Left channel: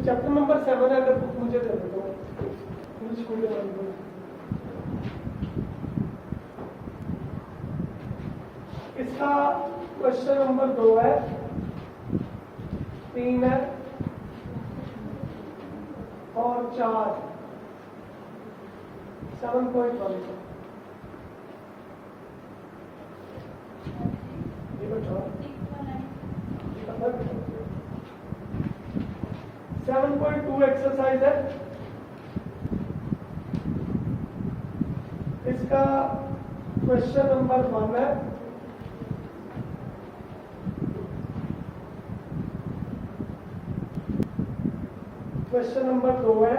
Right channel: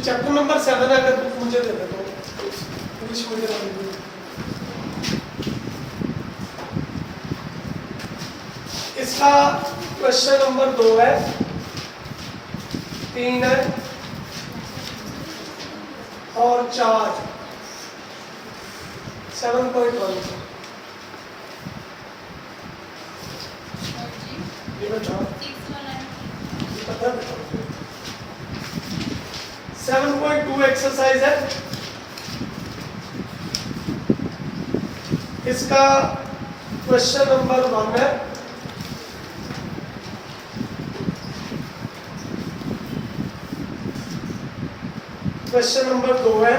जो chapter number 7 है, अगर बुक मुझे दे दे तो इंग्लिश मीडियम वाली। इसका क्वेश्चन नंबर 2 है, 3 है और 4 7.1 ये बताओ 7.2 एक्सरसाइज है। इसका क्वेश्चन नंबर 1 है, क्वेश्चन नंबर 2 है,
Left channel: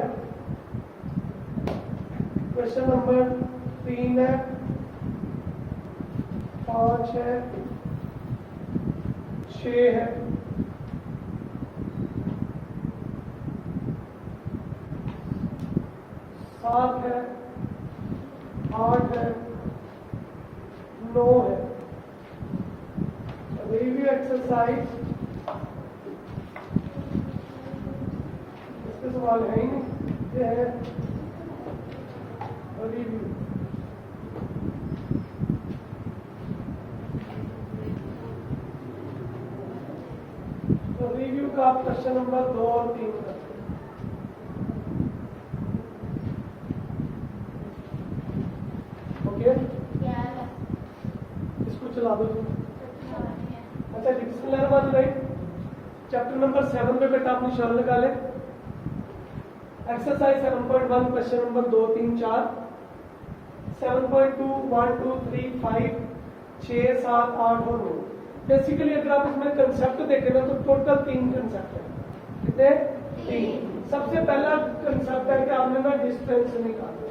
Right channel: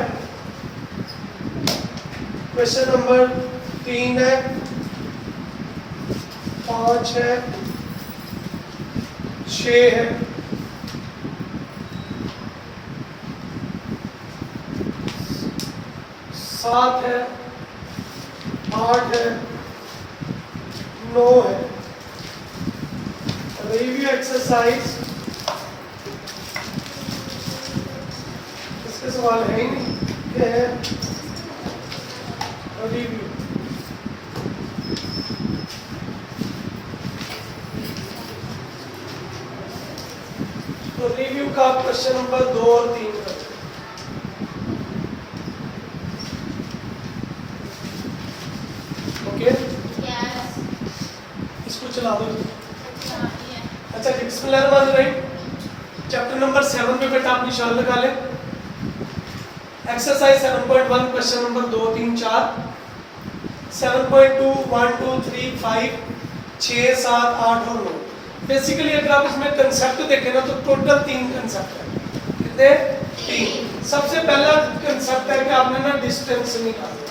क्वेश्चन नंबर 3 है, 5 है, 6 है, 7 है, 8 है, 9 है। रिव्यू एक्सरसाइज, इसके सवाल है ही नहीं, क्या है रिव्यू। तो रिव्यू का क्वेश्चन नंबर 2 और 3 करते हैं। ओके, इसको चला दो। अच्छा, बिस्मिल्लाहिर्रहमानिर्रहीम। चैप्टर नंबर 7 पे बेटा आप निशान लगा लें। एक्सरसाइज 7.1 क्वेश्चन नंबर 2, 3, 4, 7.2 1, 2, 3, 5, 6, 7, 8 और 9। बेसिकली अगर आप इसमें कंसेप्ट देखें ना तो टोटल 3 कंसेप्ट है। कितने? 3। सबसे पहला कंसेप्ट है कि आपने ना डिस्टेंस निकालना।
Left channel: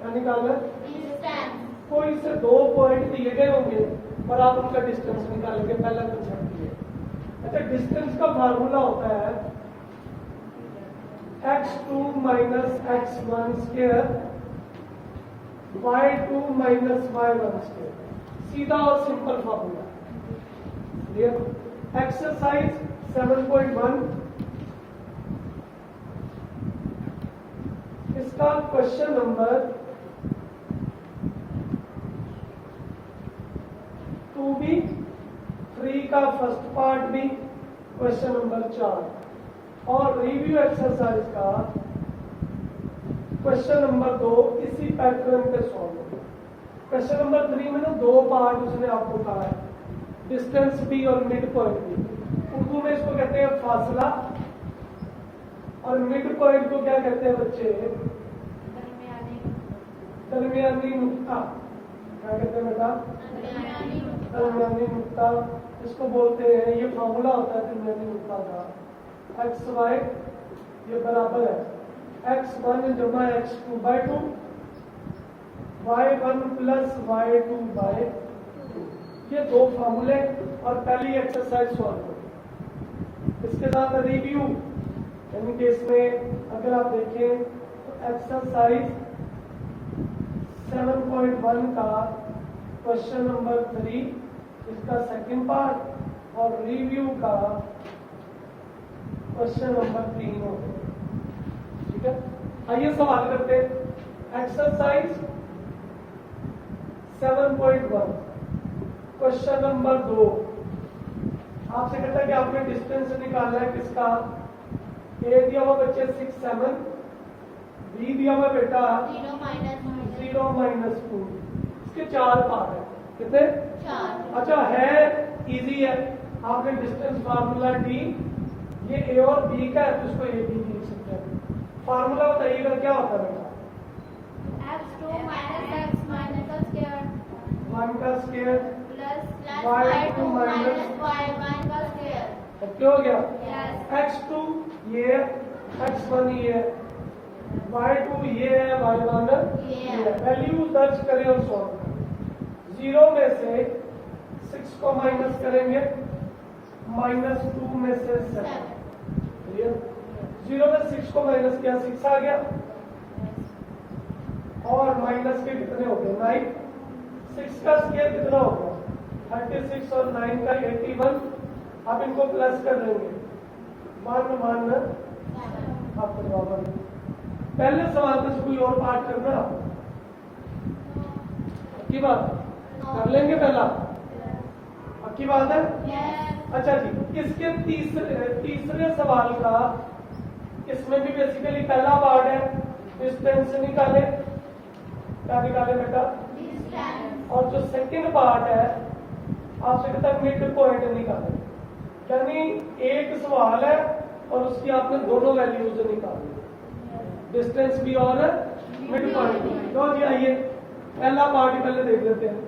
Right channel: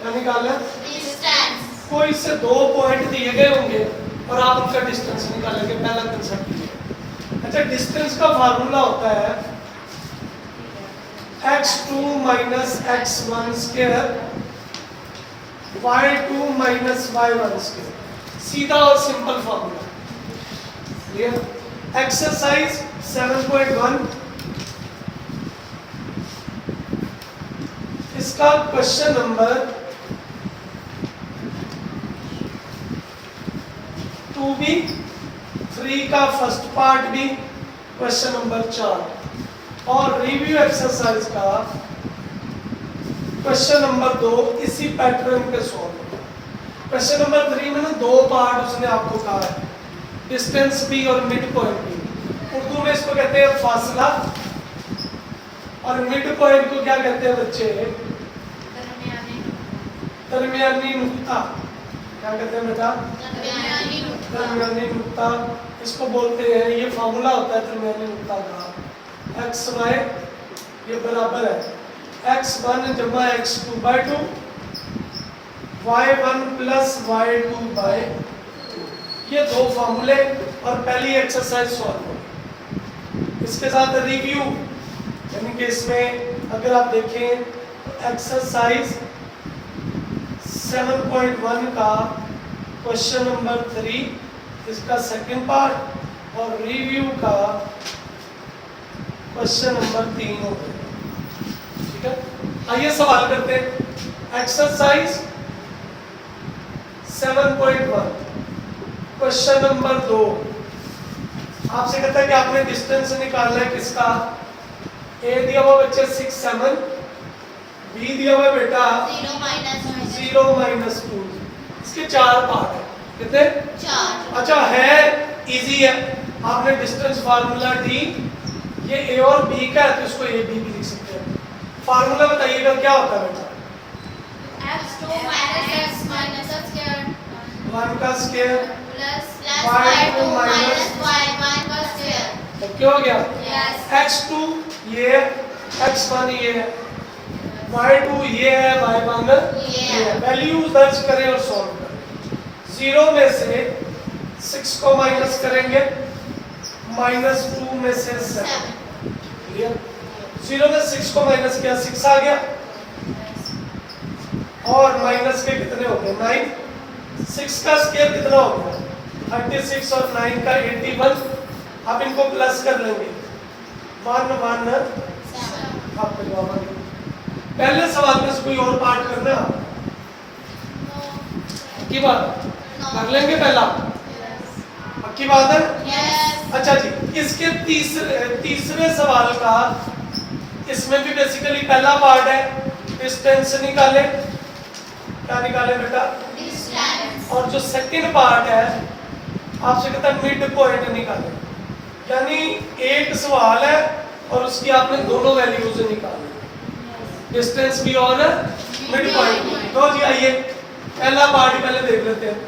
क्या निकालना? डिस्टेंस। कोई से 2 पॉइंट दिए गए होंगे और आप उनका डिस्टेंस निकालेंगे, पहला कंसेप्ट ये। अच्छा, डिस्टेंस का फार्मूला होता है x2 minus x1 square y2 minus y1 square। सीधा और सिंपल फार्मूला। क्लियर? एक्सरसाइज 7.1, इसका क्वेश्चन नंबर 2 भी, 3 का फर्स्ट पार्ट भी, क्वेश्चन नंबर 4 और रिव्यू एक्सरसाइज का क्वेश्चन नंबर 2 इसी पैटर्न पे सॉल्व। क्वेश्चन नंबर 3 में ना 2 पार्ट उसने आपको कहा है, डिस्टेंस भी और मिड पॉइंट भी। उर्दू में इसको कहते हैं फासला और मिड पॉइंट को क्या कहते हैं बच्चे? दरमियानी नुक्ता। क्या कहते हैं बेटा? दरमियानी नुक्ता। इसको बोलते हैं, ये फार्मूला होता है दरमियानी नुक्ता का। एक्स वाई ये बराबर है x1 जमा x2 by 2, y1 plus y2 by 2। ये 2 फार्मूले और पहली एक्सरसाइज सॉल्व हो। इसके साथ रिव्यू, यानी कि इसमें अगर आप देखें एक्सरसाइज 7.1 का क्वेश्चन नंबर 3 इसका सेकंड पार्ट और रिव्यू का क्वेश्चन नंबर 3 हो गया। ठीक है, आइए सवाल करते हैं। एक्सरसाइज 7.1 क्वेश्चन नंबर 2 आपसे कहता है कि आपने डिस्टेंस निकालना है किसका? ए दिया हुआ बच्चे 6, 7, बी दिया हुआ बेटा 0 माइनस 2। इसके 4 पार्ट है। कितने? 4। अच्छा, है इजी है। आपने डिस्टेंस फार्मूला डी, ये ए और बी का है तो इसको ए बी भी लिख सकते हैं। फार्मूला बताइएगा क्या होता है बेटा? x2 minus x minus x square 1 का square plus y2 minus y1 का square। तो क्या हो गया? Yes। x2 ये है, x1 ये है, y2 ये है, y1 ये है। वैल्यू दर्ज करें और सॉल्व करें। 0 में से 6 को माइनस करेंगे, -2 में से 7। क्लियर? 0 में 6 को माइनस किया, 6 आ गया और माइनस के कितने हो गए? 9। 6 का स्क्वायर कितना हो गया? 36 और 9 का 81। अब इनको प्लस कर लेंगे, 1 1 आपका जवाब आ गया। पहले सवाल में से कोई और पार्ट करना की बात कर लेंगे पहला, पक्की बात है। Yes. अच्छा जी, इसके तीसरे सवाल का, इसमें भी बेसिकली पहला पार्ट है डिस्टेंस निकाले, क्या निकाले बेटा, Distance. और जो सेकंड पार्ट है आपसे कहता है मिड पॉइंट निकाले, यानी एक सवाल है और उसकी आपने दोनों वैल्यूज निकाली, डिस्टेंस भी और मिड पॉइंट भी। तो जी आइए पहला पार्ट ही पहले देख लेते हैं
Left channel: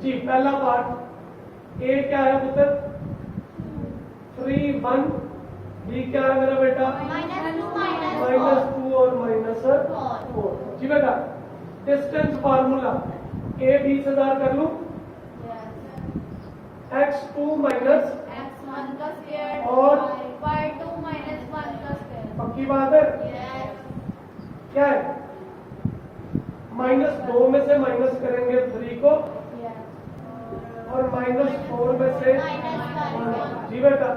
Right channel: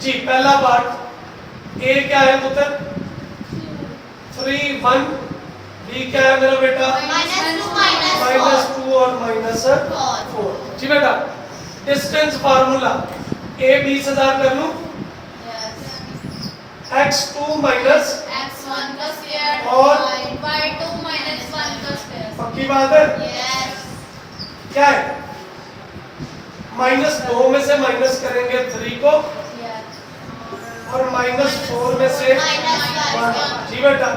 जी। पहला पार्ट ए क्या है पुत्र, 3 1, बी क्या है मेरा बेटा, -2 और -4 जी बेटा। डिस्टेंस फार्मूला ए 20,000 कर लूं, x2 माइनस X1 का स्क्वायर और Y2 -1 का स्क्वायर। पक्की बात है। Yes. क्या है, -2 में से माइनस करेंगे 3 को Yes. और -4 में से -1 जी बेटा।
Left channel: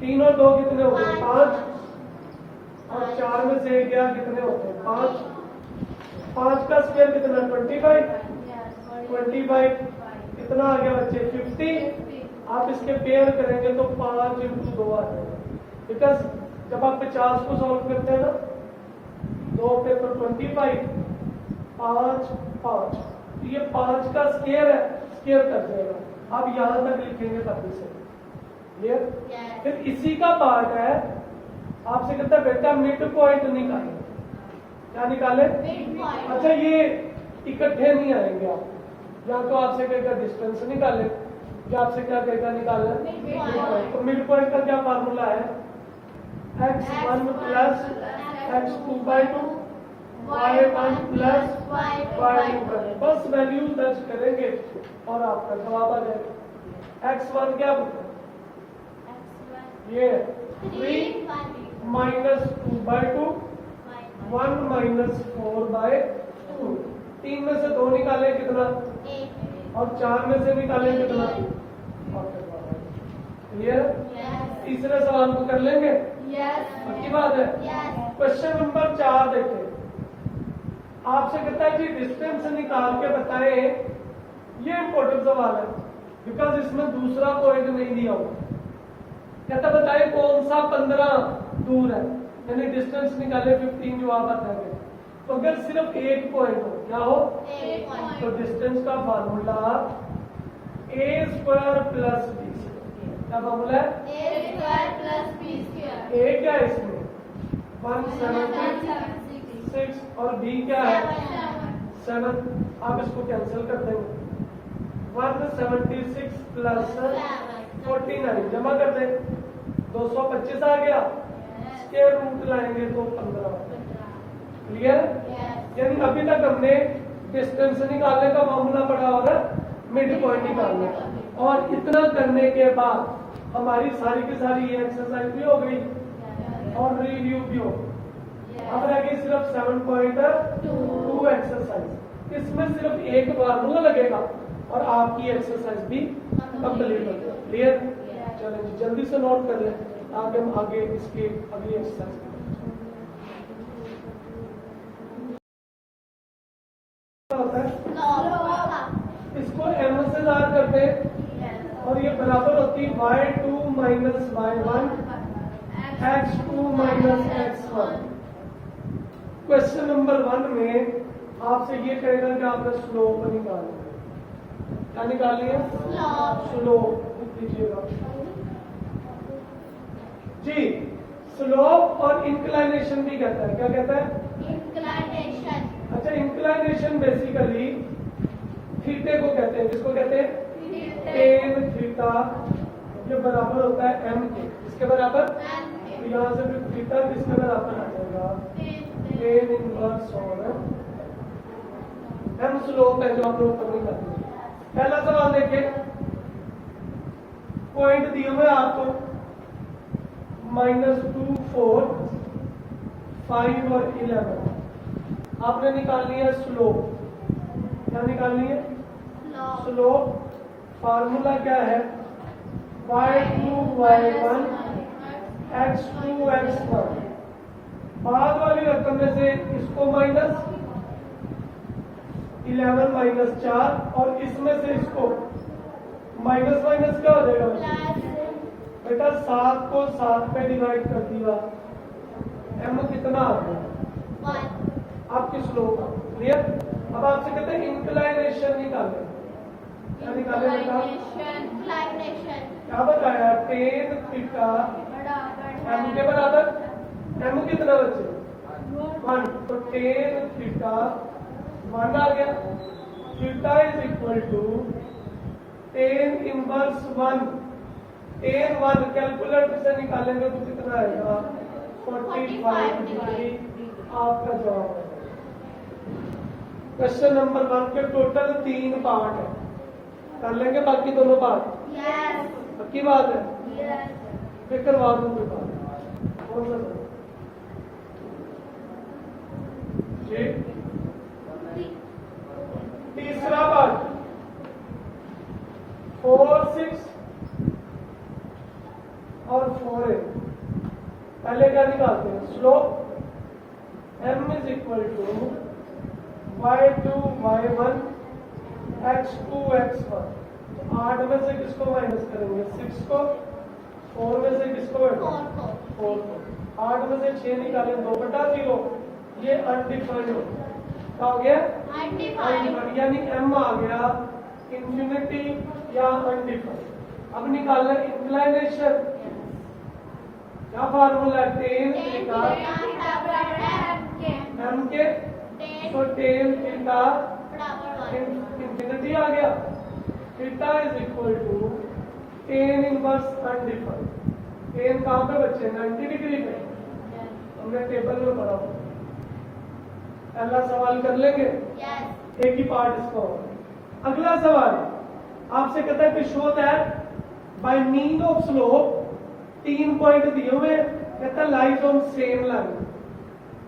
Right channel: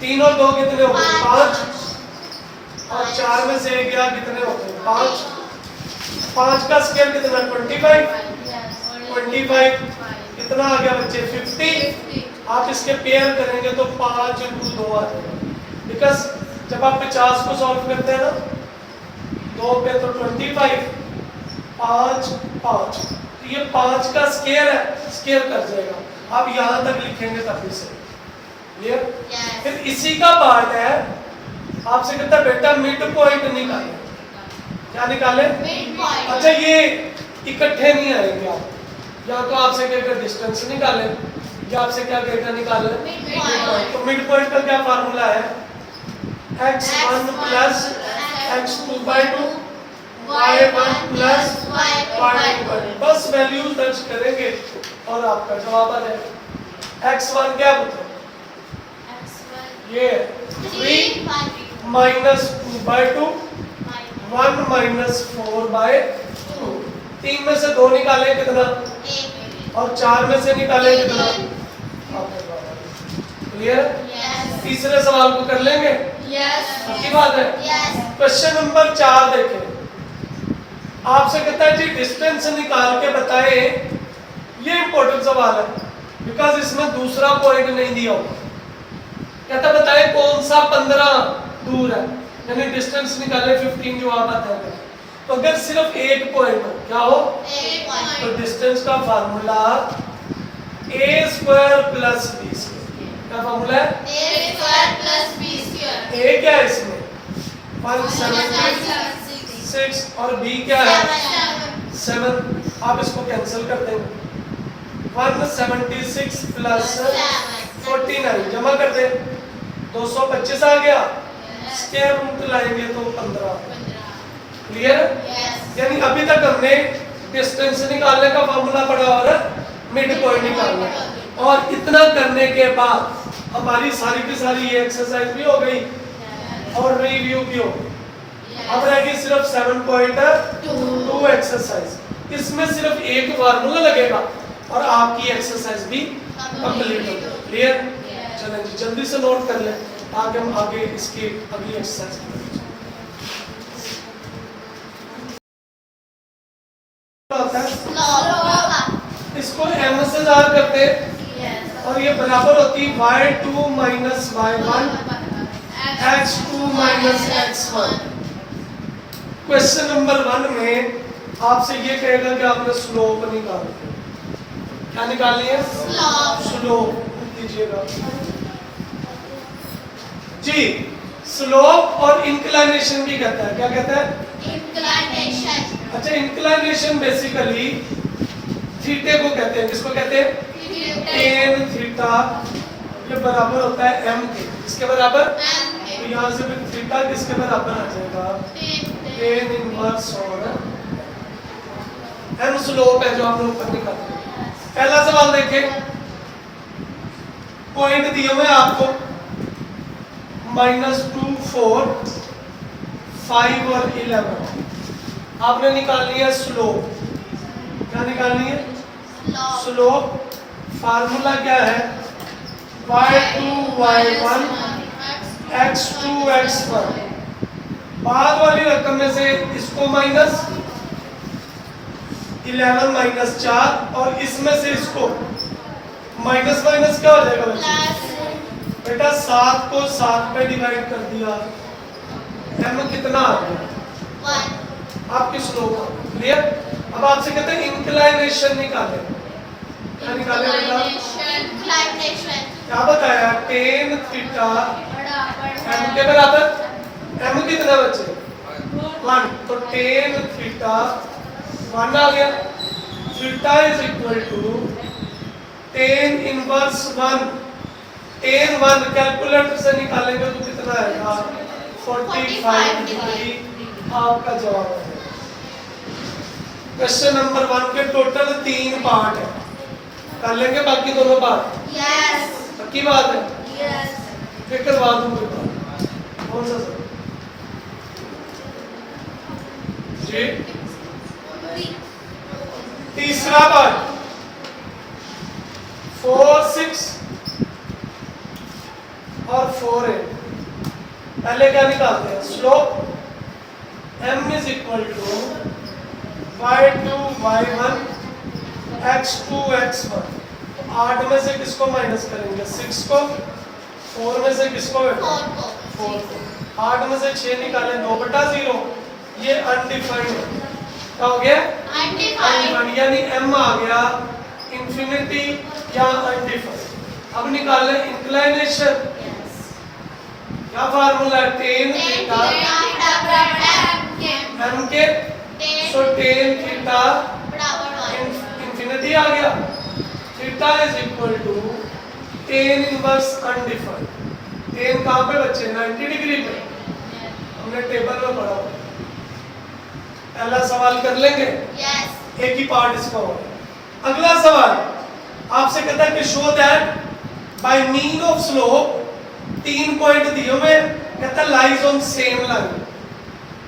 3 और 2 कितने हो गए, 5 और 4 में से गया कितने हो गए, 5। 5 का स्क्वायर कितना, 25 कितना आ गया बच्चे, 50। आप इसके पेयर करेंगे तो 5 × 2 आ जाएगा, बिकॉज जब आप 50 को सॉल्व करते हैं ना 2 पे तो 25, 5 5, तो ये 5 का स्क्वायर है, स्क्वायर कर जाएगा। आप यहाँ तक लिखेंगे तब भी सही, क्लियर। Yes. फिर इसी का पार्ट है, आपसे कहता है बेटा मिड पॉइंट निकाले, क्या निकाले, Midpoint. अच्छा ये इकट्ठे नहीं आएंगे आप, या तो आपसे कहेगा डिस्टेंस निकाले या आपसे क्या कहेगा निकाले Midpoint. तो मिड पॉइंट का क्या फार्मूला है, x1 plus x2/2 y1 plus y2/2। बस वैल्यूज दर्ज करेंगे और आपका जवाब आ जाएगा। x1 क्या होता है, ये 3 -2/2 1 -4/2। 3 में से 2 निकाले कितना, और 4 में से निकाले कितना, क्लियर। तीसरे सवाल को कर लेंगे, की बात है। क्वेश्चन नंबर 4 देखें, आपसे कहता है जी डिस्टेंस निकाल के बताएं, ये इंपॉर्टेंट सवाल है बिकॉज इसमें दूसरा पॉइंट नहीं दिया होगा। कहता बताएं कौन सा 15 दूर है, यानी डिस्टेंस निकाले 15 जो आप बताएंगे। तो अगर सिर्फ एक पॉइंट हो, क्या हो, तो डिस्टेंस का फार्मूला a² + b²। क्या फार्मूला है, a क्या है इसमें 176 और b क्या है 7। आप इसको कैंसिल कर देंगे, 176 + 49 जमा कर दे, 225 आ गया, स्क्वायर रूट लाएंगे तो 15। क्लियर। यानी अभी तक हमने डिस्टेंस निकालने का फार्मूला पढ़ा और मिड पॉइंट निकालने का, और इतना करने के बाद हमारी सारी की सारी ये एक्सरसाइज भी हो गई और रिव्यू भी हो गई। अब रह गई सिर्फ 7.2 एक्सरसाइज। इसमें सिर्फ एक फार्मूला लगेगा और आपकी एक्सरसाइज भी कंप्लीट हो गई। क्लियर। चलें जी जल्दी से नोट कर लें ताकि हम आगे इसकी अगली एक्सरसाइज करें। इसको m से जार करते हैं और ये बराबर होती y2 - y1 x2 - x1। Question number 1 में आपसे ये कहेगा कि आपने स्लोप निकालनी है। क्या निकालनी है, स्लोप कीजिएगा जी। स्लोप और इंक्लाइनेशन भी कहता है, क्या कहता है, इंक्लाइनेशन। अच्छा इंक्लाइनेशन बेसिकली थीटे को कहते हैं, किसको कहते हैं, टेन थीटा। ये बराबर होता है m के, इसके बराबर, तो यहाँ से भी थीटा किसके बराबर आ जाएगा, टेन इनवर्स और m स्लोप है जो आपने ऊपर निकाला। पहला सवाल देखिए, पॉइंट दिए हुए आपको -2 4 5 और 11। आपने निकालनी है स्लोप। क्या निकालनी है, स्लोप। फार्मूला क्या है, y2 y1 x2 x1। बाद वाली रकम में से इसको माइनस 11 माइनस 4 और इसमें से इसको माइनस माइनस क्या हो जाएगा बच्चे? बेटा 7 को 7 पे डिवाइड कर दिया, m कितना आ गया? 1 आपके स्लोप क्लियर। अब आपसे कहते हैं इंक्लाइनेशन निकालें, क्या निकालें बेटा? inclination क्या बताया? tan थीटा बराबर m के बराबर, m कितना बचे? 1, तो tan थीटा 1 आ गया। Theta is equal to tan inverse 1, tan 1 calculator से निकालेंगे तो कितना आएगा? 45 डिग्री आपका जवाब है। क्वेश्चन नंबर 1 के टोटल 3 पार्ट है, कर लेंगे बाकी दोनों पार्ट, yes पक्की बात है? yes फिर करवा दूंगे पार्ट। कौन सा सर जी? तीसरा पार्ट 4 6 और 4 8। पहले क्या निकालते हैं? Slope m is equal to y2 y1 x2 x1। 8 में से किसको माइनस करेंगे? 6 को। 4 में से किसको? 4 को 4 को। 8 में से 6 निकालें 2/0, ये अनडिफाइंड क्या हो गया? अनडिफाइंड, यानी m आ गया इंफिनिटी या अनडिफाइंड। अब निकाल लें इंक्लिनेशन, क्या फार्मूला है? tan थीटा m के, सो tan थीटा इंफिनिटी आ गया। Theta is equal to tan inverse undefined. tan कहाँ पे बच्चे? 90 डिग्री पे, हमने टेबल में पढ़ा हुआ। पहला सवाल कर लेंगे, एक ही पार्ट इसका होगा। अगला सवाल आपसे कहता है कि show that bye mean of slope 3 point दिए हुए, कहता है लाइज ऑन सेम लाइन।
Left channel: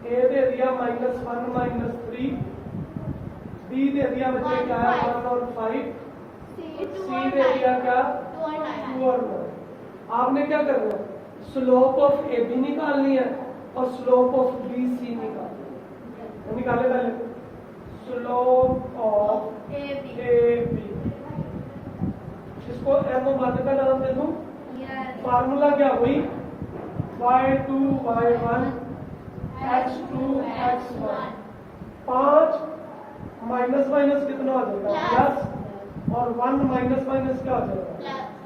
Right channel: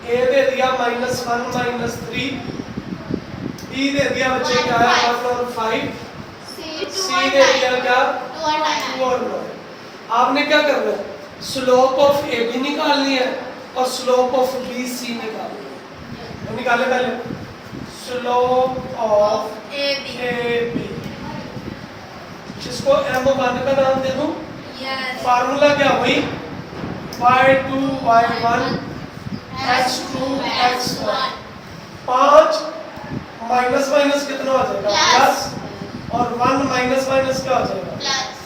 ए दे दिया -1 -3, बी दे दिया बच्चे क्या है 1 और 5, सी दे दिया क्या 2 और 9। आपने क्या करना है? स्लोप ऑफ ए बी निकालनी है और स्लोप ऑफ बी सी निकालनी है। तो निकाले पहले स्लोप ऑफ ए बी, इसको m1 का नाम दे दूं। फार्मूला क्या हुई? y2 y1 x2 x1। 5 minus minus कितना हो जाएगा? प्लस, और 1 माइनस माइनस क्या हो जाएगा?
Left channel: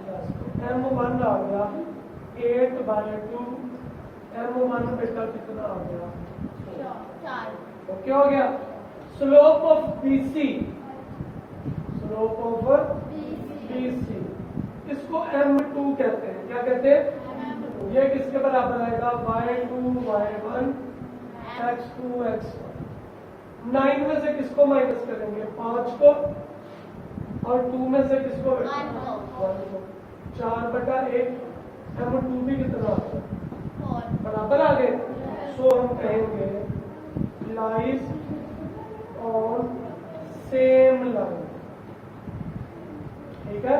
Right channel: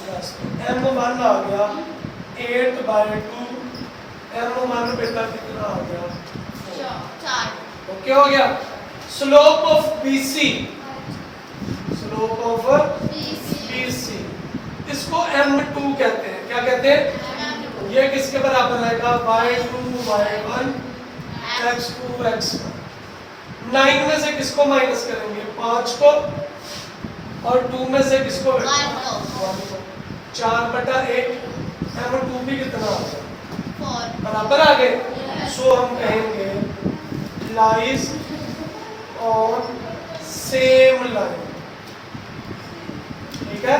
प्लस। m1 आ गया 8/2, m1 बेटा कितना आ गया? 4 ओके हो गया। Slope of BC, slope of BC, इसको m2 कहते हैं। क्या कहते हैं? ये किसके बराबर आएगा? y2 y1 x2 x1। 9 में से किसको माइनस करेंगे? 5 को, और 2 में से किसको? 1 को। 4/8, m2 भी कितना आ गया? 4 बराबर आ गए। सो हम कहेंगे लाइज ऑन सेम लाइन, ठीक है?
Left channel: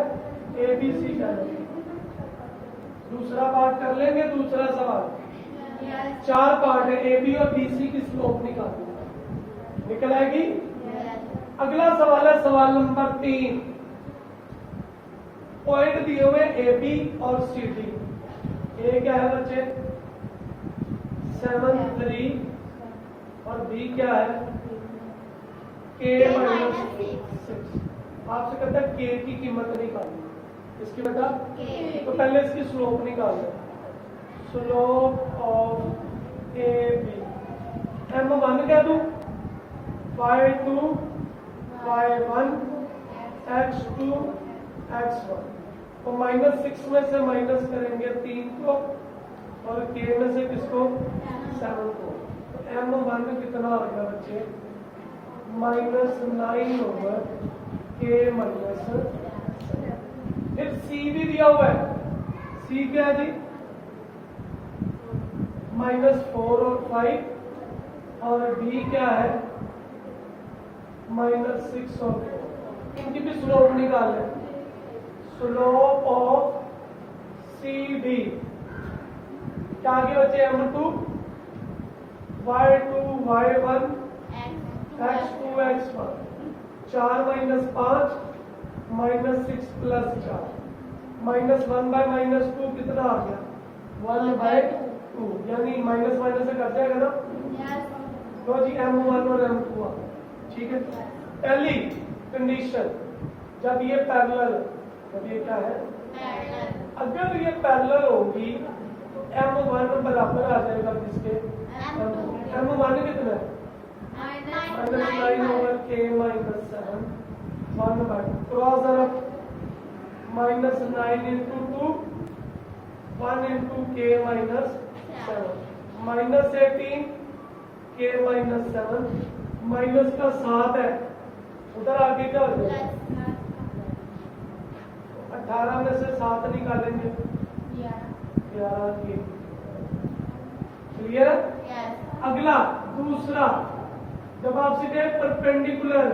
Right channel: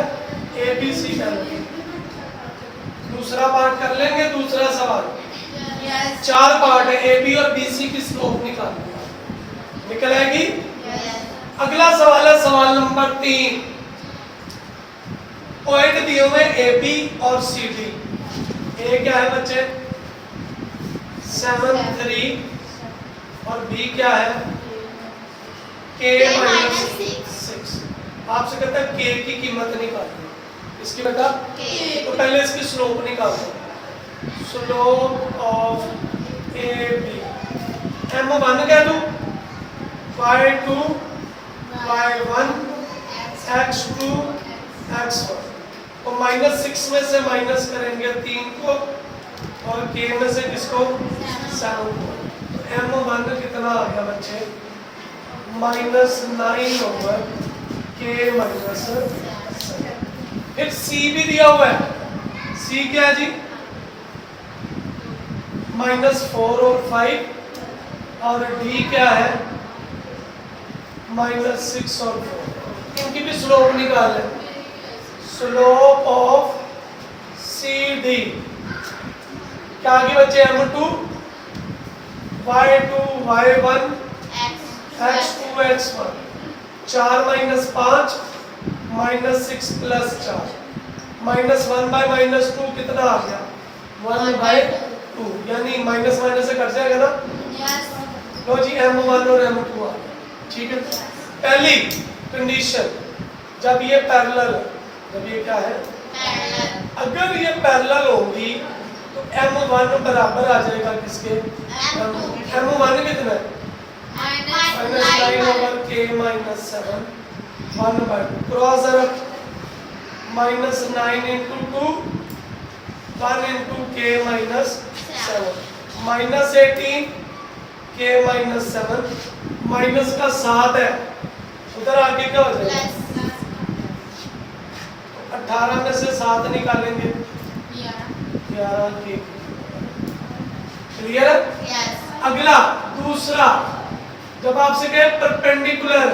ए बी सी कर लेंगे। दूसरा पार्ट कर लेंगे। दूसरा सवाल 4 पार्ट है, ए बी और बी सी की स्लोप निकालनी है, निकल आएगी। अगला सवाल है सवाल नंबर 3। पॉइंट दिए हुए ए बी और सी डी। ए क्या है बच्चे? 7 3, और बी क्या है? k - 6। आपसे कहता है k की कीमत निकालिए। इसकी बेटा तो पहले इसकी स्लोप निकाल दो। Slope of A B m1 कह दूं, y2 y1 x2 x1, तो -6 में से माइनस करेंगे 3 को, और k में से किसको? 7 को। तो m1 कितना आ गया बच्चे? -9 ओवर k - 7। फिर c भी दिया हुआ है। c क्या है जी? -4 और 5, और d क्या है? -6 और 4। इनकी भी स्लोप निकाल लें। स्लोप ऑफ सी डी क्या आगे बच्चे? m2 y2 y1 X. x2 x1 4 minus 5 minus 6 plus 4 minus 1 bye minus 2 कितना आ गया 1 बाय 2 यानी माइनस माइनस से कट जाएगा ना। Yes. लो जी m1 और m2 आ गया। ठीक है, पहली कंडीशन जब ये पैरेलल है, जब ये क्या है Parallel. अगर ये पैरेलल होंगी तो m1 बराबर आ जाएगा किसके M2. m1 कितना है Minus minus 9 over k minus 7 1 by 2 cross ज़रा minus 9 into 2 1 into k minus 7 minus 18 k minus 7 minus का 7 है उधर आगे क्या हो जाएगा Plus. 18 में से 7 निकालेंगे Yeah. 11 k क्लियर है। Yes. अगला दूसरा जब आपसे कहे परपेंडिकुलर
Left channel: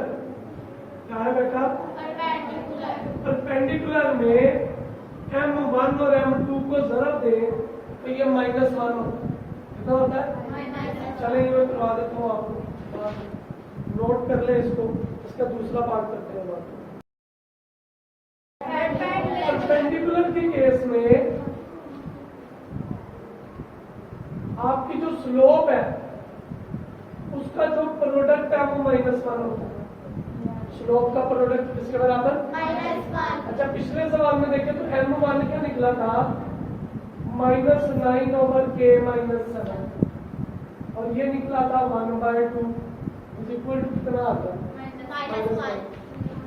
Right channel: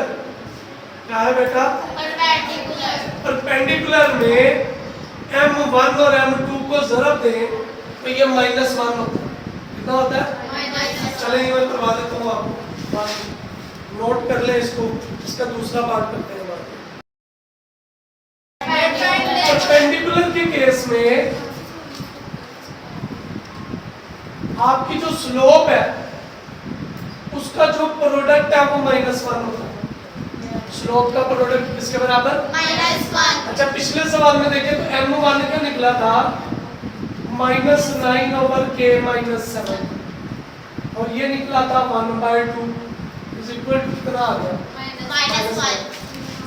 क्या है बेटा Perpendicular. परपेंडिकुलर में m1 और m2 को ज़रब दें तो ये -1 होता है कितना होता है Minus. चलें ये मैं करवा देता हूँ आपको नोट कर ले इसको इसका दूसरा पार्ट करते हैं बात परपेंडिकुलर के केस में आपकी जो स्लोप है उसका जो प्रोडक्ट है वो -1 होता है स्लोप का प्रोडक्ट किसके बराबर -1. अच्छा पिछले सवाल में देखें तो m1 क्या निकला था -9 ओवर k माइनस 7 और ये निकला था 1/2 इज इक्वल टू कितना आ गया -1.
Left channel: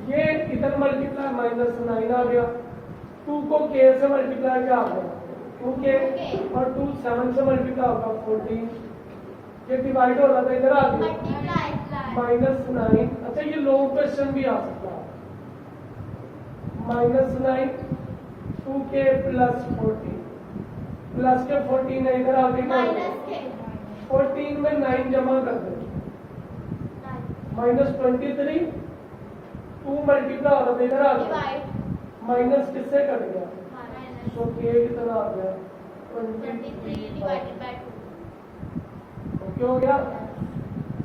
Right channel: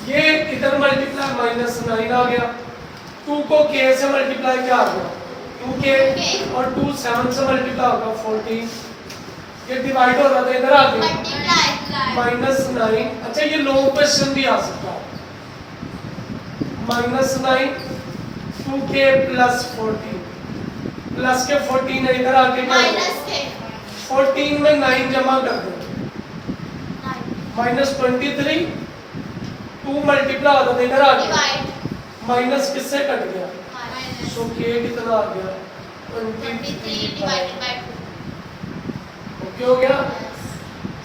ये इधर मल्टीप्लाई -9 आ गया 2 को k से मल्टीप्लाई क्या आ गया 2k और 2 7 से मल्टीप्लाई होगा 14 ये डिवाइड हो रहा था इधर आ गया Multiply. -9 अच्छा ये लॉन्ग क्वेश्चन भी आ सकता है -9 2k प्लस 14 प्लस के 14 है इधर आके क्या होगा? Minus k. 14 में 9 जमा कर दो 9. -23 2 मल्टीप्लाई हो रहा था इधर आ गया Divide. माइनस किससे कट गया Minus. सो k कितना आ गया 23 divided by 2. ओके हो गया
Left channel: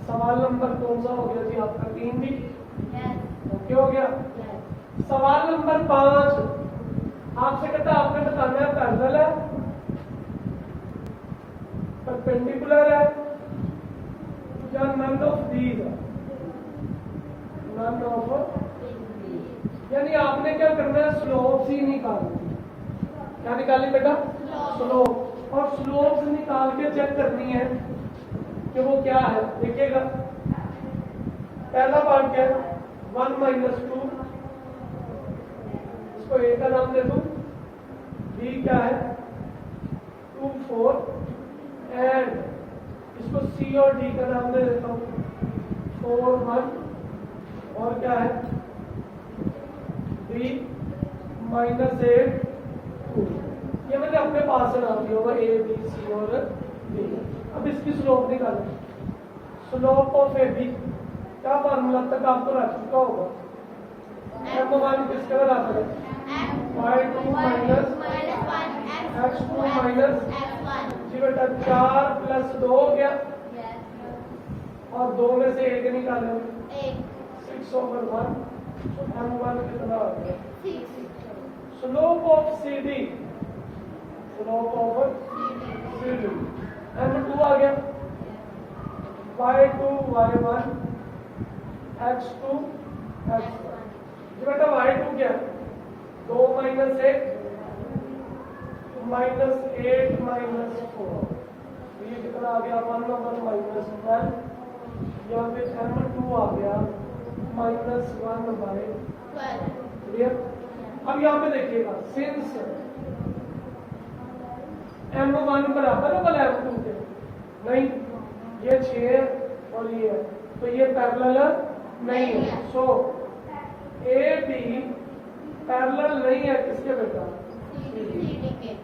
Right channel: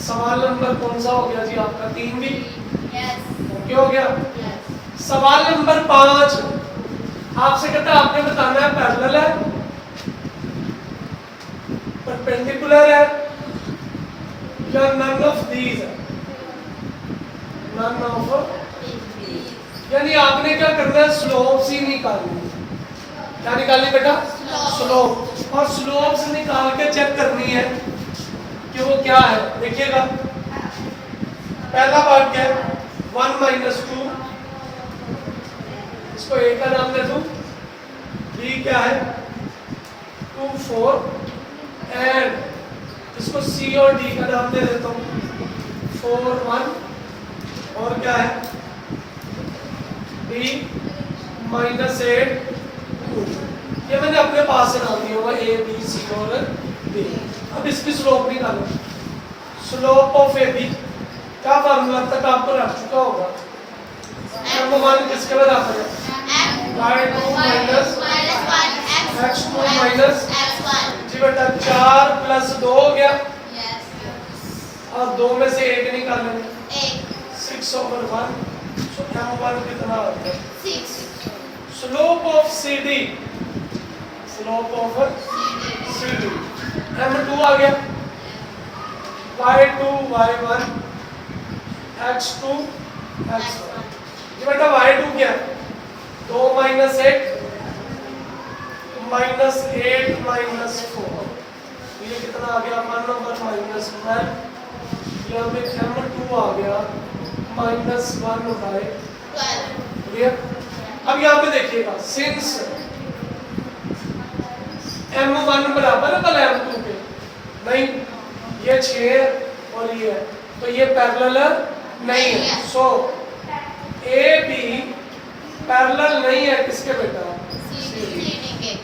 सवाल नंबर कौन सा हो गया जी आपका 3 भी Yes. ओके हो गया Yes. सवाल नंबर 5 आपसे कहता है आपने बताना है पैरेलल है परपेंडिकुलर है या नन ऑफ दीज है नन ऑफ यानी आपने क्या करना है स्लोप्स ही निकालनी क्या निकालनी बेटा Slope. स्लोप और स्लोप्स निकाल के चेक करनी है कि वो क्या है देखिएगा पहला पार्ट क्या है 1 माइनस 2 इसको ए का नाम दे दूं बी क्या है 2 4 एंड इसको सी और डी का नाम दे देता हूं 4 1 और क्या है डी -8 2 ये मैंने अपने पास से नाम दिया होगा ए बी सी और डी अब इसकी स्लोप निकालो स्लोप ऑफ ए बी क्या फार्मूला तक आपको रख चुका होगा m1 किसके बराबर है y2 माइनस x2 माइनस जी बेटा 4 प्लस 2 हो गया और 2 में से 1 निकालेंगे 6 ओवर 1 सो m1 कितना आ गया slope of CD slope of CD m2 आ गया y2 y1 x2 x1 जी बेटा y2 क्या है 2 माइनस 8 -8 -4 ये कितना आ गया 1 ओवर -9 यहाँ पे m2 आ गया -1 बाय क्लियर। अब यहाँ पे देखिएगा सिंस m1 बराबर है भला m2 के नहीं ये 6 और ये है तो ये पैरेलल नहीं है सो ए बी पैरेलल नहीं है किसके बेटा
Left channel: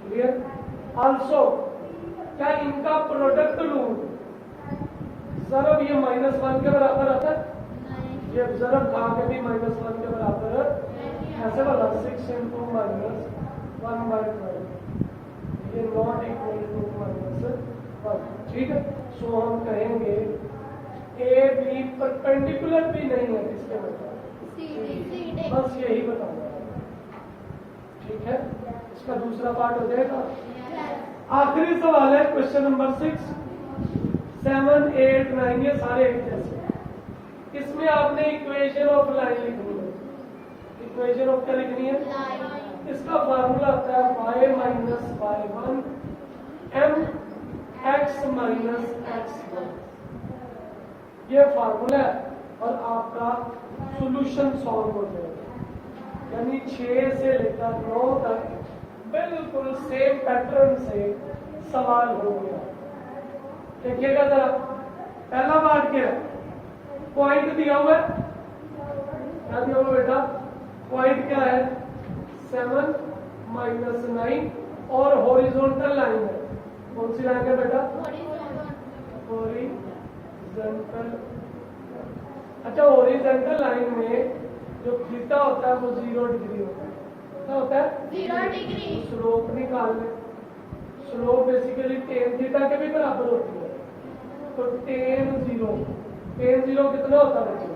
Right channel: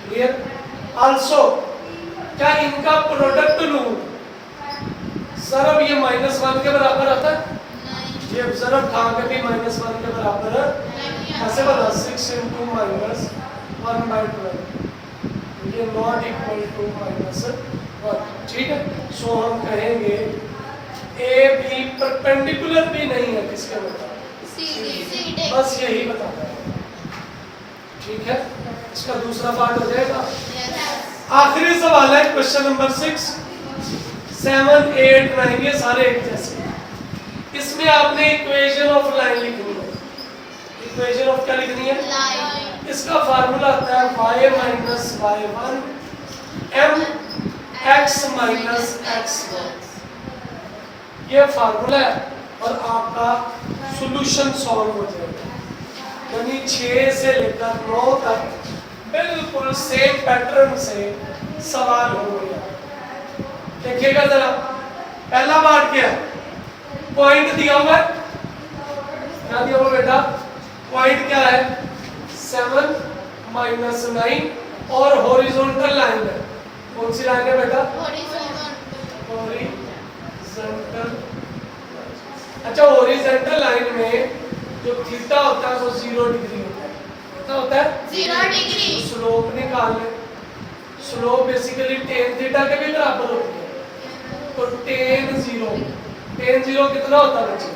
क्लियर। आल्सो क्या इनका प्रोडक्ट लूं ज़रब ये -1 के बराबर आता है ये ज़रब कहाँ के भी -1 के बराबर है ऐसे बना 6 into -1/12 ये नॉट इक्वल टू -1 ठीक है। सो हम कहेंगे ए बी परपेंडिकुलर भी नहीं है किसके मतलब, CD बस यही बताना है। ठीक है, इसका दूसरा पार्ट हो जाएगा। आखिरी सवाल है क्वेश्चन नंबर 6, 7, 8, 9 ये सारे एक जैसे। इसमें आपने इक्वेशन ऑफ लाइन लिखनी है। इक्वेशन ऑफ क्या लिखनी है? लाइन। इसका फार्मूला आता है y minus y1 m x minus x1। ये फार्मूला है और आपका सॉल्यूशन सॉल्व हो जाएगा। यानी 6 से लेकर 9 तक बिल्कुल सेम पैटर्न से सवाल हो गया। देखिएगा जरा, पहला पार्ट क्या है? पॉइंट दिया हुआ है, क्या दिया हुआ बेटा? पॉइंट क्या है? 7 माइनस 9 और हॉरिजॉन्टल लाइन है। कौन सी लाइन है बेटा? हॉरिजॉन्टल। अच्छा, हॉरिजॉन्टल लाइन में जो थीटा होता है वो 0 डिग्री होता है। कितना होता है? 0 डिग्री। स्लोप निकाल ले। स्लोप बेसिकली tan थीटा के भी बराबर होती है। तो tan 0 कितना होता है बच्चे?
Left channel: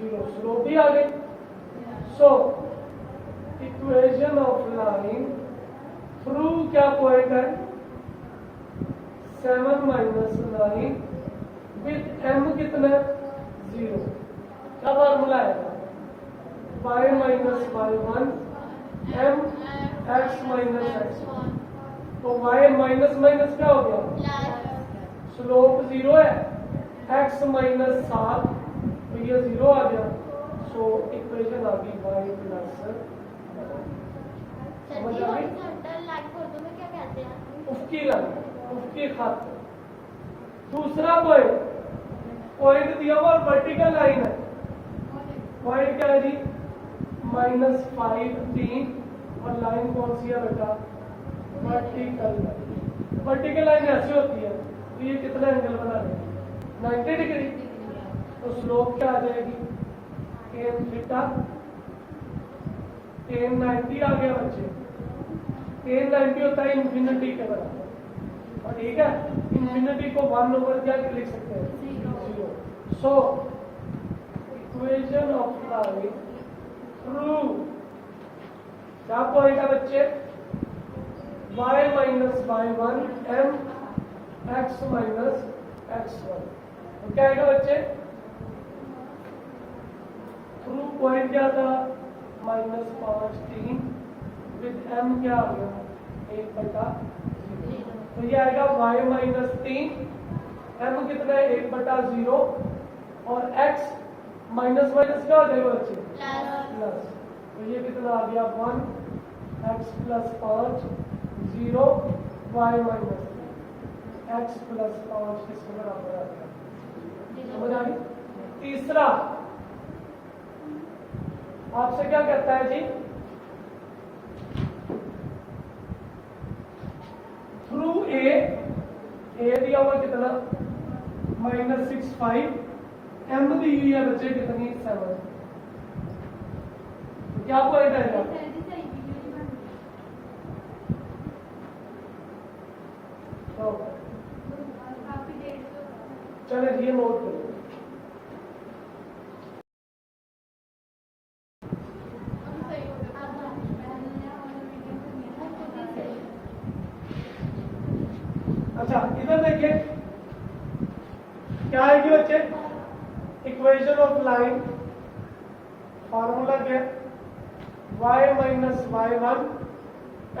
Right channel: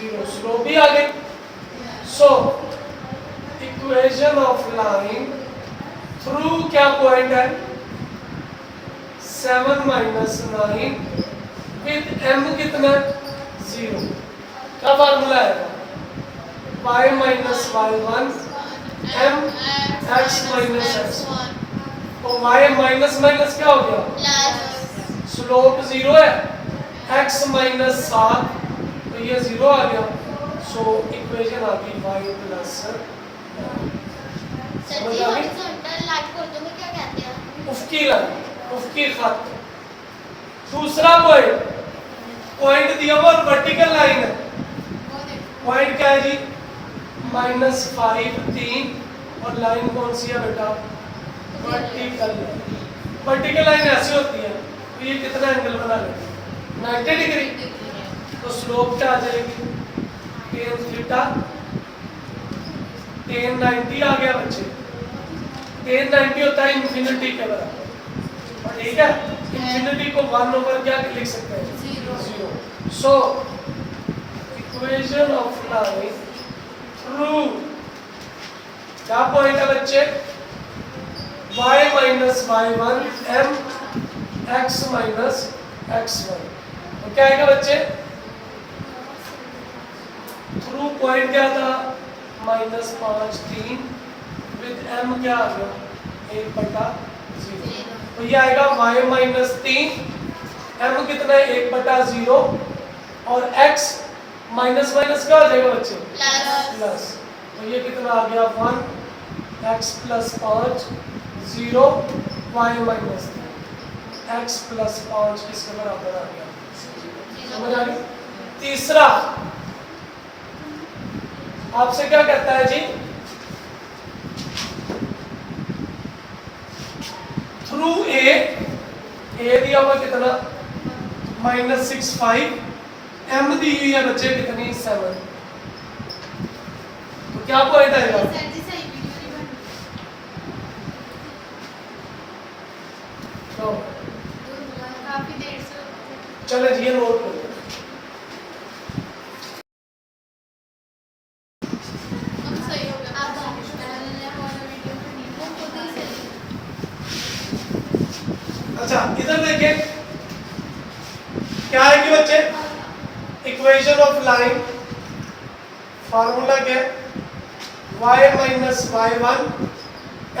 0। स्लोप भी आ गई। So equation of line through क्या पॉइंट है? 7 माइनस 9 विद m कितना? 0। क्या फार्मूला है? y minus y1 m x minus x1। तो y माइनस माइनस क्या हो गया? प्लस। स्लोप 0 है, x माइनस 7 तो ये 0 आ गया। सो इक्वेशन आ गई y प्लस। सर जी हॉरिजॉन्टल लाइन को उर्दू में क्या कहते हैं? उफकी लाइन, उफकी खत। दूसरा पॉइंट, पॉइंट दिया हुआ वर्टिकल लाइन है। पॉइंट क्या है जी? -5 3 और लाइन कौन सी है बेटा? वर्टिकल। वर्टिकल लाइन ऐसी होती है तो ये कितना एंगल बना लेगी? 90 डिग्री। तो स्लोप क्या आ जाएगी? tan theta. tan 90 आ गया बच्चे। tan 90 होता है इंफिनिटी के बराबर। और ठीक है, इंफिनिटी को 1 ओवर क्या लिख सकते हैं? 0। So equation of line through क्या पॉइंट है बच्चे? y minus y1 m x minus x1। तो क्या आएगा बच्चे? थ्रू पॉइंट क्या था? -5 3 विद m क्या आ गया? 1/0। तो ये आएगा y माइनस 3, m कितना है? 1/0 और x माइनस माइनस क्या हो जाएगा बच्चे? प्लस। तो ये कितना आ गया? 1 x plus 5 0 y minus 3 x plus 5 किसके बराबर आ गया? समझ आ गई? तीसरा आपसे क्या कहता है जी? थ्रू ए दिया हुआ कितना? -65 m दी हुई है बच्चे कितनी? 7। तो क्या पॉइंट आएगा? तो काफी देर से चले जी ये नोट कर लो। सही होगा। आप अच्छा इधर देखिए क्या है कि बच्चे? इक्वेशन ऑफ लाइन फार्मूला क्या है? y minus y1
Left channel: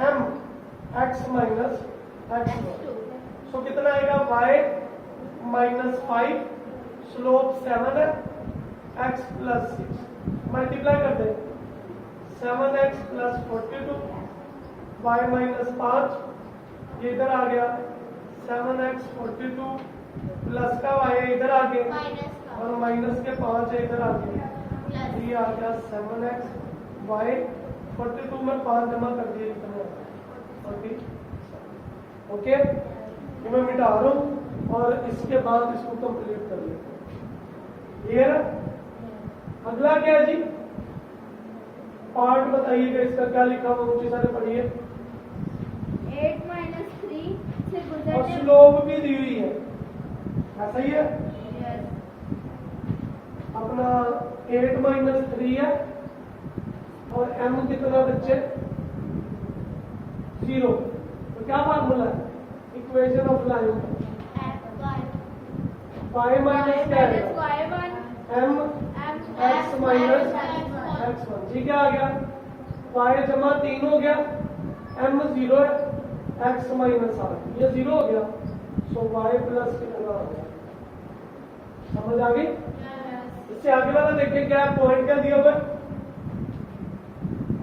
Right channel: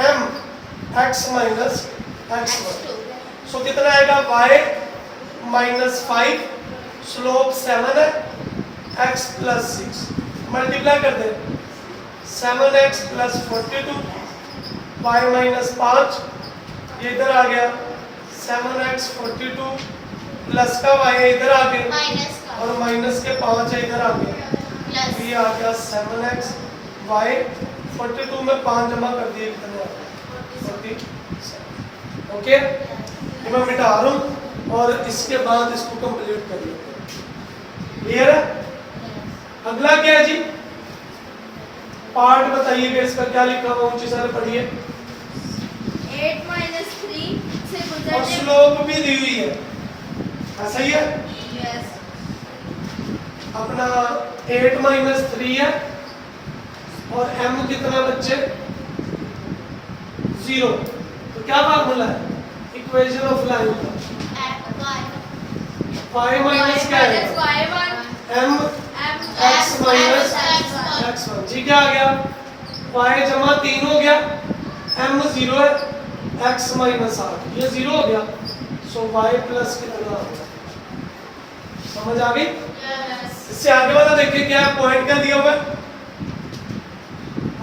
m x minus x1। सो कितना आएगा? y माइनस 5 स्लोप 7 है, x प्लस 6 मल्टीप्लाई कर दे। 7x प्लस 42 y माइनस 5 ये इधर आ गया। 7x 42 प्लस का y है इधर आ गया माइनस का और माइनस के 5 है इधर आ गया। प्लस। ये आ गया 7x y 42 में 5 जमा कर दिए कितने आ गए? 47। ओके, ये मैं मिटा रहा हूँ और इसके बाद इसको कंप्लीट कर लेते हैं। क्लियर है? अगला क्या है जी? पार्ट बताइएगा इसका क्या लिखा हुआ? ऊंची सारे पढ़िए। 8 - 3 6 और स्लोप भी दी हुई है, ऐसा ही है। Yes. अपना 8 माइनस 3 है और m कितना बच्चे 0। तो क्या फार्मूला है इक्वेशन ऑफ लाइन का? y माइनस क्या है m x माइनस x1 जी। क्या आ गया y जमा 3 हो गया, m 0 है, x माइनस 8 ये 0 हो गया। सो y प्लस कितना हो गया, समझ आ गई? इससे आगे वाला देखिए क्या है, पॉइंट क्या दिया हुआ है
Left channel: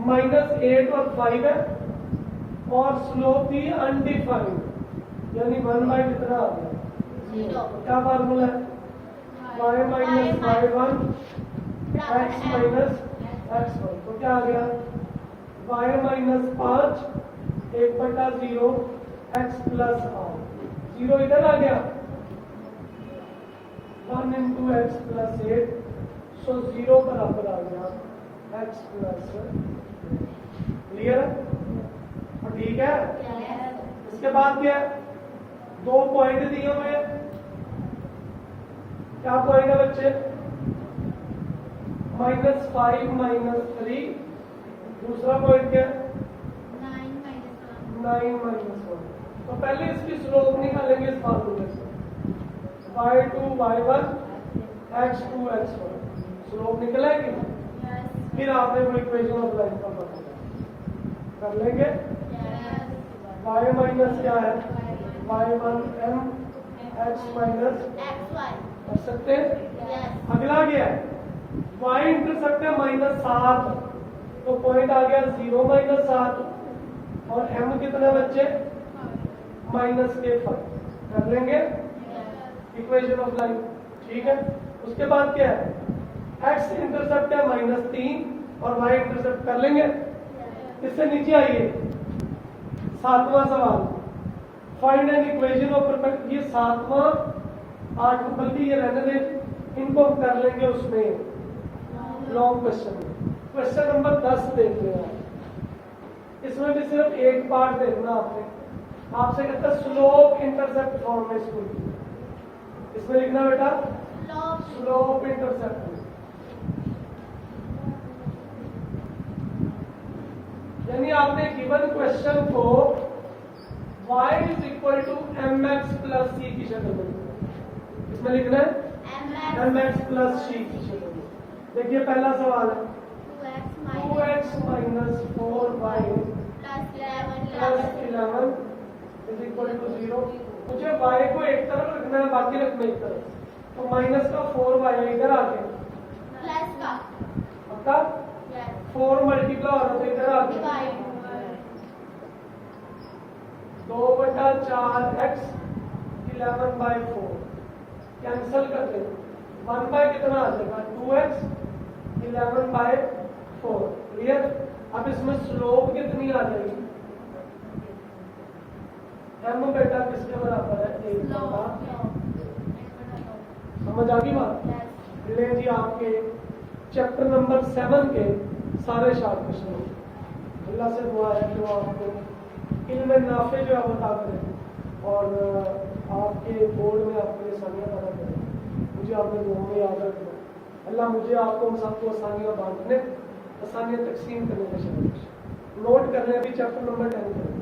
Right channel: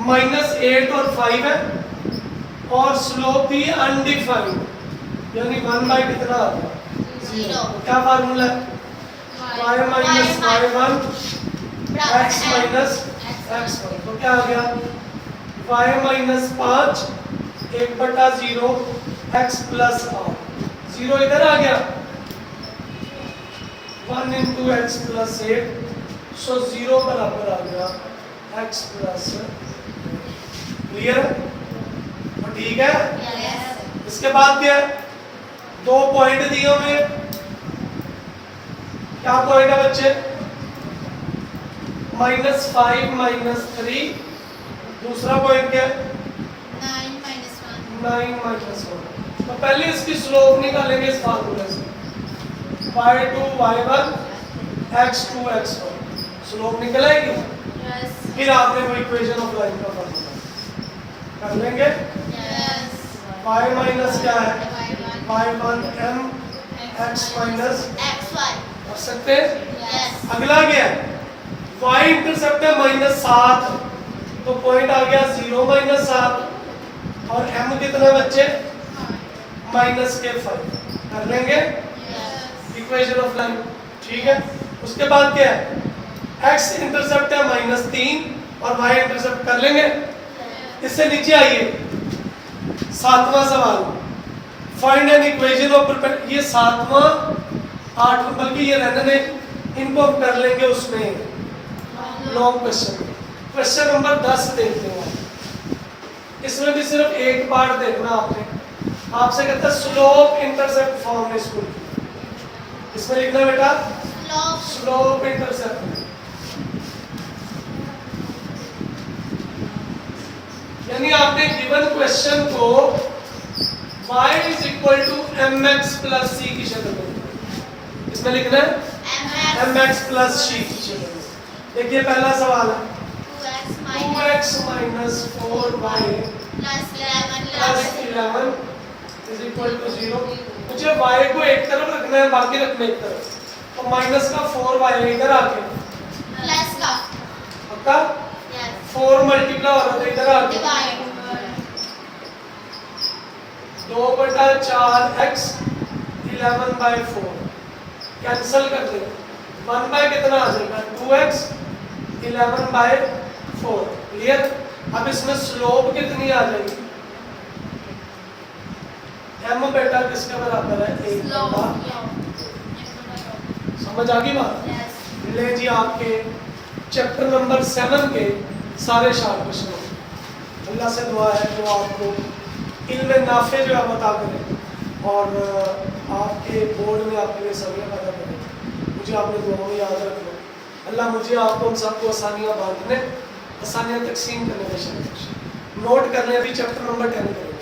-8 और 5 है और स्लोप भी अनडिफाइंड, यानी 1 बाय कितना आ गया 0। क्या फार्मूला है y minus y1 x minus x1। तो क्या आ गया y माइनस 5 1/0 x प्लस 8, 0 इधर आ गया 1 into x प्लस 8, सो 0 बराबर आ गया x प्लस। क्लियर और ठीक है। इसके बाद क्या है, 2 पॉइंट दिए हुए, क्या पॉइंट है बच्चे -5 -3, दूसरा पॉइंट क्या है 9 -1। तो पहले इसकी स्लोप निकालेंगे इस फार्मूले से, y2 y1 x2 x1, slope निकल आएगी। फिर आपने कोई इक्वेशन ऑफ लाइन का फार्मूला कर लेंगे। y माइनस क्या है y1 m x माइनस कर सकते हैं। अगला क्या है y इंटरसेप्ट है -7, तो पॉइंट आ गया 0 -7 और m कितना बच्चे -5 कर लेंगे इक्वेशन ऑफ लाइन, ठीक है। उसके बाद क्या है x इंटरसेप्ट है -3 और y इंटरसेप्ट कर लेंगे। इससे नीचे आइए 7वां सवाल, find an equation of perpendicular. ये 7वां 8 बल्कि ये रहने दें, इनको हम कर लेंगे उसमें लॉन्ग क्वेश्चन में। क्वेश्चन नंबर 10 देखते हैं, इसमें भी सिर्फ एक पार्ट देखना आपने। आपसे कहता है स्लोप इंटरसेप्ट फॉर्म में इसको इसमें लिखना बेटा स्लोप इंटरसेप्ट, यानी आपने गिवन क्वेश्चन को y is equal to mx plus c की शक्ल में, इसमें लिखना है mx प्लस c की शक्ल में। देखिए पहला सवाल है 2x minus 4y plus 11 is equal to 0। मुझे y को एक तरफ रखना है, बाकी रखना एक तरफ, तो माइनस का 4y इधर आ गया प्लस का पक्का 4 मल्टीप्लाई हो रहा था इधर आ गया डिवाइड 2/4x 11/4 कैंसिल कर दे, 1 बाय कितना आ जाएगा 2x 11/4। क्लियर। अब इसमें स्लोप कितनी आ जाएगी m बेटा किसके बराबर है 1/। समझ आ गई बात। ले जी आपके चैप्टर नंबर 7 के सारे शार्ट क्वेश्चन। अल्लाह से दुआ है कि वो आपको इल्म नाफे जो है बता करें और आपके बोर्ड में आपके लिए आसानियाँ पैदा करें। मुझे आपने दुआ में याद रखना। अल्लाह मुझे आपको उन सबको आसानियाँ बांटने, आसानियाँ तकसीम करने में शामिल। नोट कर लें, अभी चैप्टर नंबर 10 करें।